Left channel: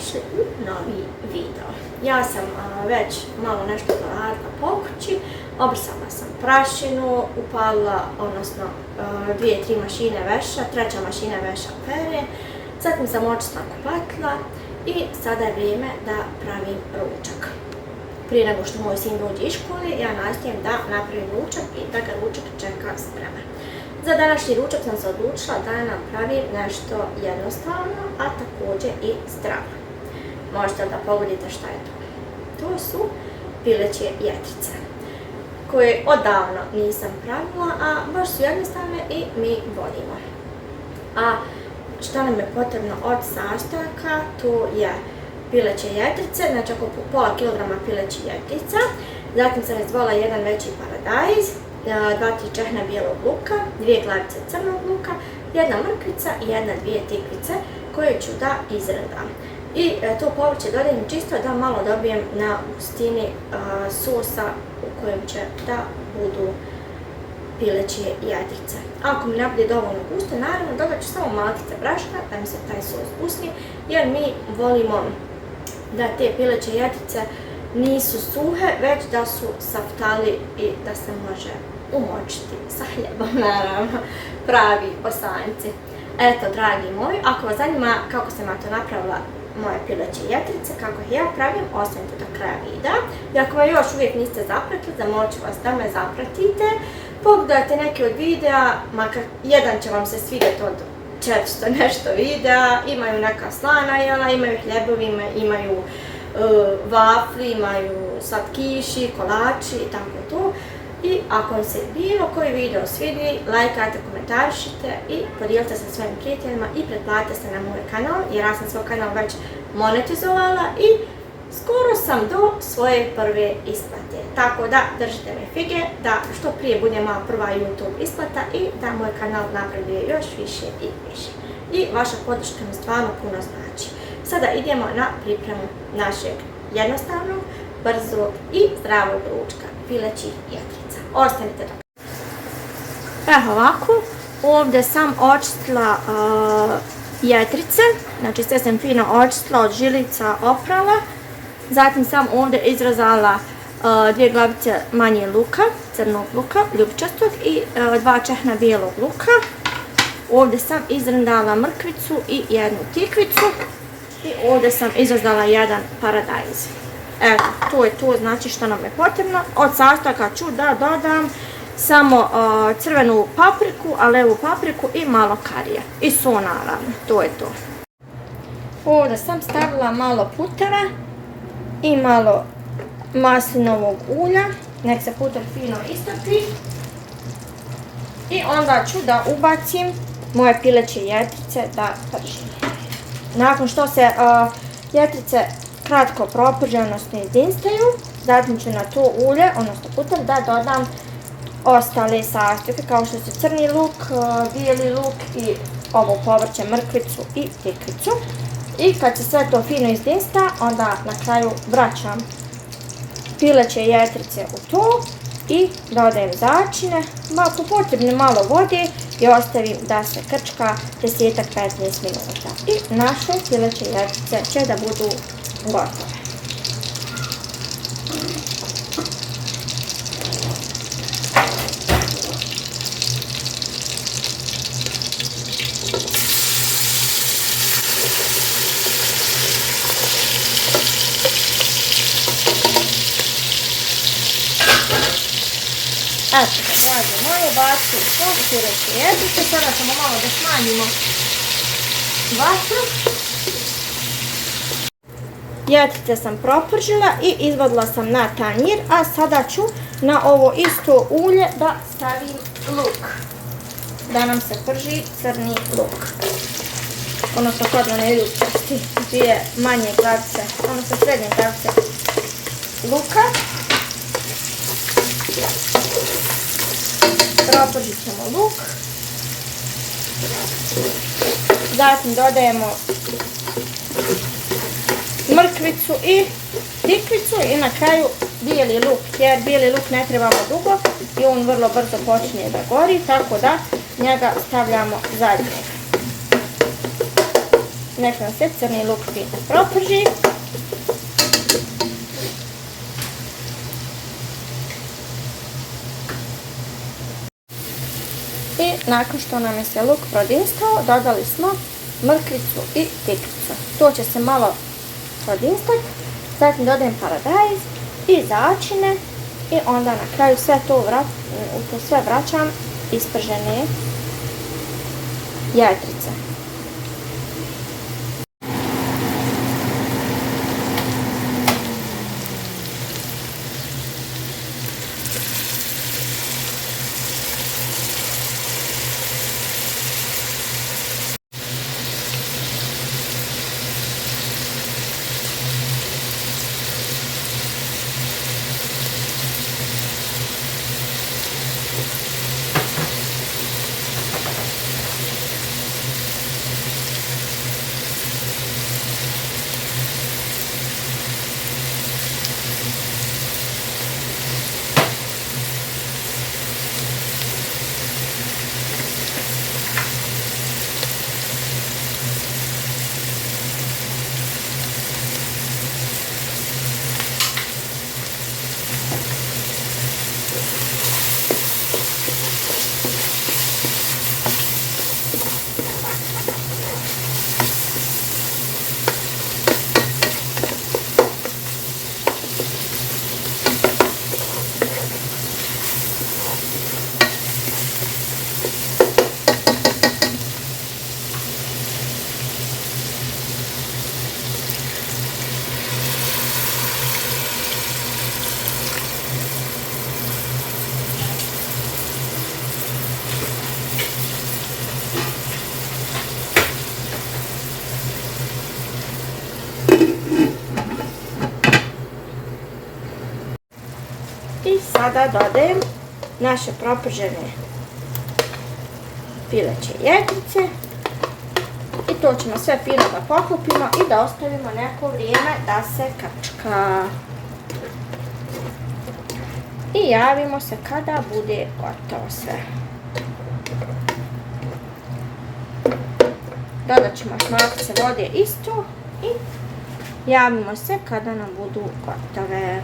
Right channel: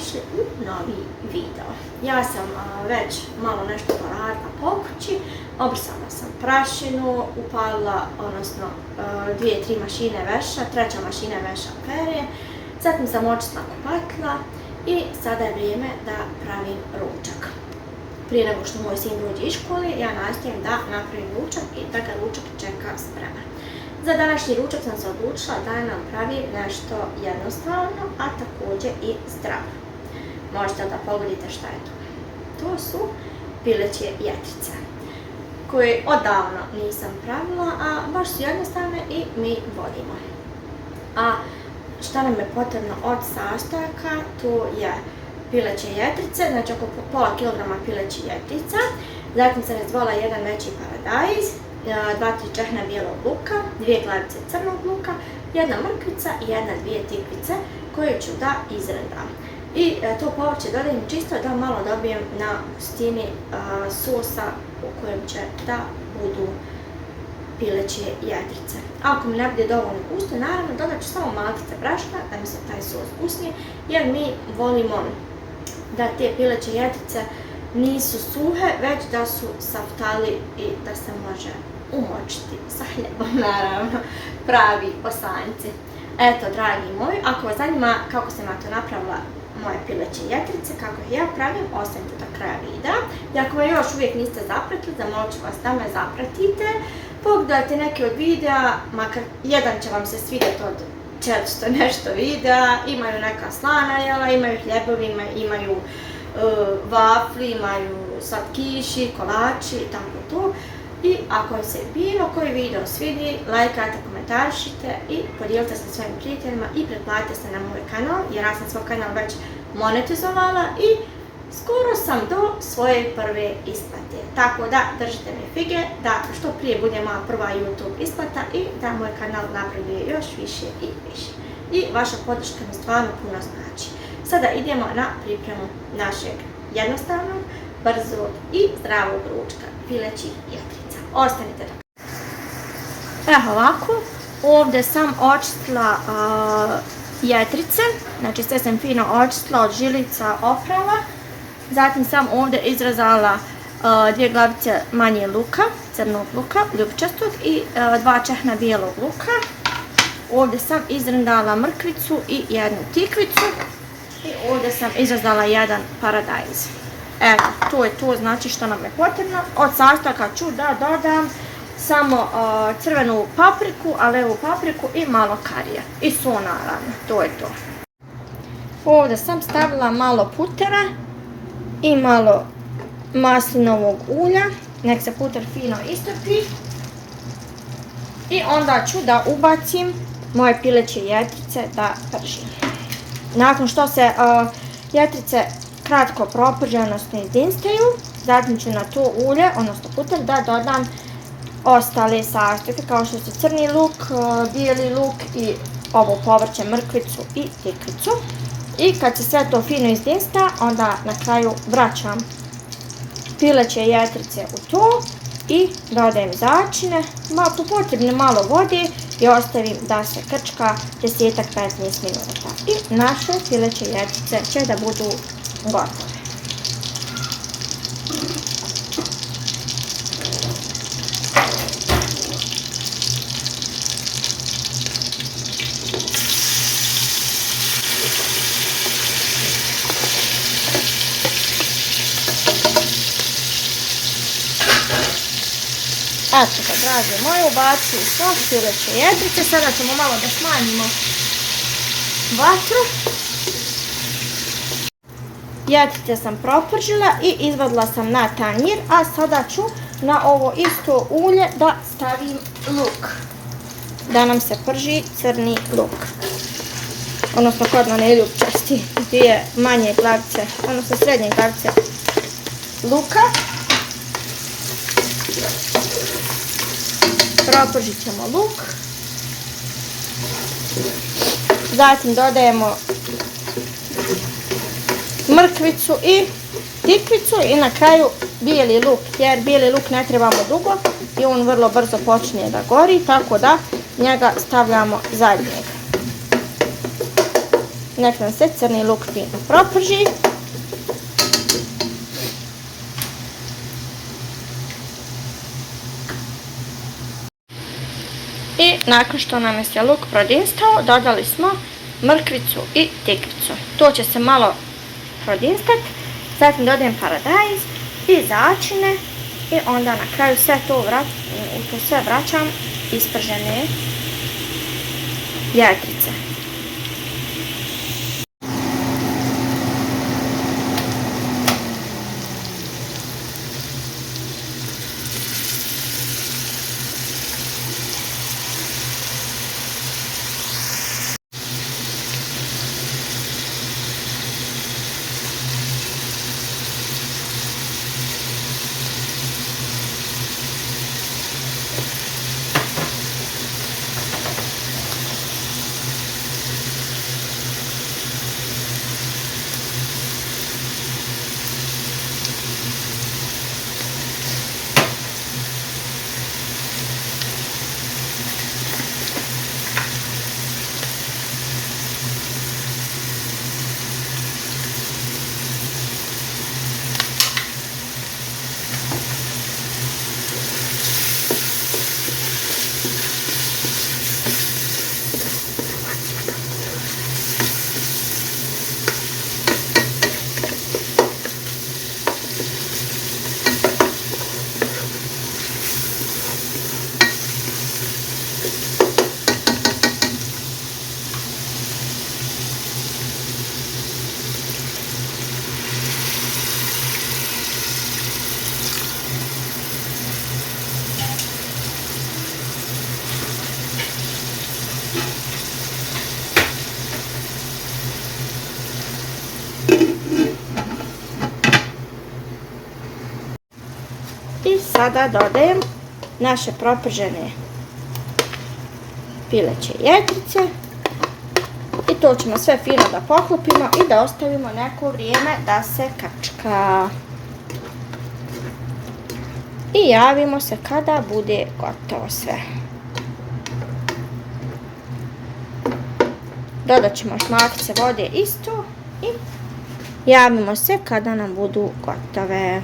dobrodošli u novi video. Ja sam već malo nešto poradila po kući, obrisala sam prašinu, upalila, odnosno 2-3 mašine veša, treća mašina veša pere, zatim sam očistila kupatila i sada je vrijeme da pravim ručak. Prije nego što moj sin dođe iz škole, ja nastojim da napravim ručak i da ga ručak čeka spreman. Za današnji ručak sam se odlučila da nam pravim nešto jednostavno, a također i zdravo. Možete da pogledate šta je to. To su pileće jetrice, koje odavno nisam pravila, a baš su jednostavne i mi volimo. A šta nam je potrebno od sastojaka, to je pileće jetrice, znači oko pola kilograma pilećih jetrica. Zatim sam izdvojila jedan veći paradajz, 2-3 čehna bijelog luka, 2 glavice crnog luka, jedna mrkvica i 1-2 tikvice koje ću da izrendam. I to povrće dodajem čisto da malo dobijem na gustini sosa u kojem će da budu pileće jetrice. Ako mi ne bude dovoljno gusto, naravno dodat ću samo malkice brašna da mi se taj sos usni, jer mi volimo da te pileće jetrice nisu suhe, već da su saftali i da se može umočiti sa hljebom, naravno, pravi bosanjci. Eto, dragi moji, ako vas zanima kako sam ja to napravila moje pileće jetrice, kako ih ja pravim, ostanite do kraja videa. I ako me još uvijek niste zapratili, zamolit ću vas da me zapratite. Pogledajte neki od videa, makar jedan će vam se svidjeti od 400 nešto videa. Imaju neka slana jela, imaju hljebovi, imaju vafli, imaju slatkiši, kolači i tako to. I ako vam se bilo koji video svidi, lajkajte, komentarišite i podijelite se sa svojim prijateljima i pretplatite se na moj kanal, jer ja sam svoj kanal već monetizovala i skoro sam do svoje prve isplate. Tako da držite mi fige da što prije bude moja prva YouTube isplata i da moj kanal napreduje još više i više. I vaša podrška mi stvarno puno znači. Sada idemo na pripremu našeg jednostavnog, brzog i zdravog ručka pilećih jetrica. Ostanite da. Evo ovako, ovdje sam očistila jetrice, znači sve sam fino očistila, od žilica oprala. Zatim sam ovdje izrezala 2 glavice manje luka, crnog luka, ljubičastog i 2 čehna bijelog luka. Ovdje sam izrendala mrkvicu i 1 tikvicu. I ovdje sam izrezala 1 paradajz. Evo, to je to, znači što nam je potrebno. Od sastojaka ću da dodam samo crvenu papriku, alevu papriku i malo karija. I so naravno, to je to. Ovdje sam stavila malo putera i malo maslinovog ulja. Nek se puter fino istrpi. I onda ću da ubacim moje pileće jetrice da pržim. Nakon što se jetrice kratko proprže, odnosno izdinstaju, zatim ću na to ulje, odnosno puter, da dodam ostale sastojke kao što su crni luk, bijeli luk i ovo povrće, mrkvicu i tikvicu. I kad se sve to fino izdinsta, onda na kraju vraćam pileće jetrice u to i dodajem začine, po potrebno malo vode i ostavim da se krčka 10-15 minuta. I naše pileće jetrice će da budu gotove. Eto ga, drage moje, bacim svo pileće jetrice. Sada ćemo malo da smanjimo vatru. Jetrice sam propržila i izvadila sam na tanjir, a sada ću na ovo isto ulje da stavim luk. Da nam se prži crni luk. Odnosno kodno ne ljubčasti, 2 manje glavice, odnosno srednje glavice luka. Propržit ćemo luk. Zatim dodajemo mrkvicu i tikvicu i na kraju bijeli luk, jer bijeli luk ne trebamo dugo i on vrlo brzo počinje da gori, tako da njega stavljamo zadnjeg. nek nam se crni luk fino proprži. I nakon što nam je se luk prodinstao, dodali smo mrkvicu i tikvicu. To će se malo prodinstati, zatim dodajem paradajz i začine i onda na kraju sve to sve vraćam ispržene jedrice. I sada dodajem naše propržene pileće jedrice i to ćemo sve fino da poklopimo i da ostavimo neko vrijeme da se kačka. I javimo se kada bude gotovo sve. Dodat ćemo još mlakice vode isto i javimo se kada nam budu gotove.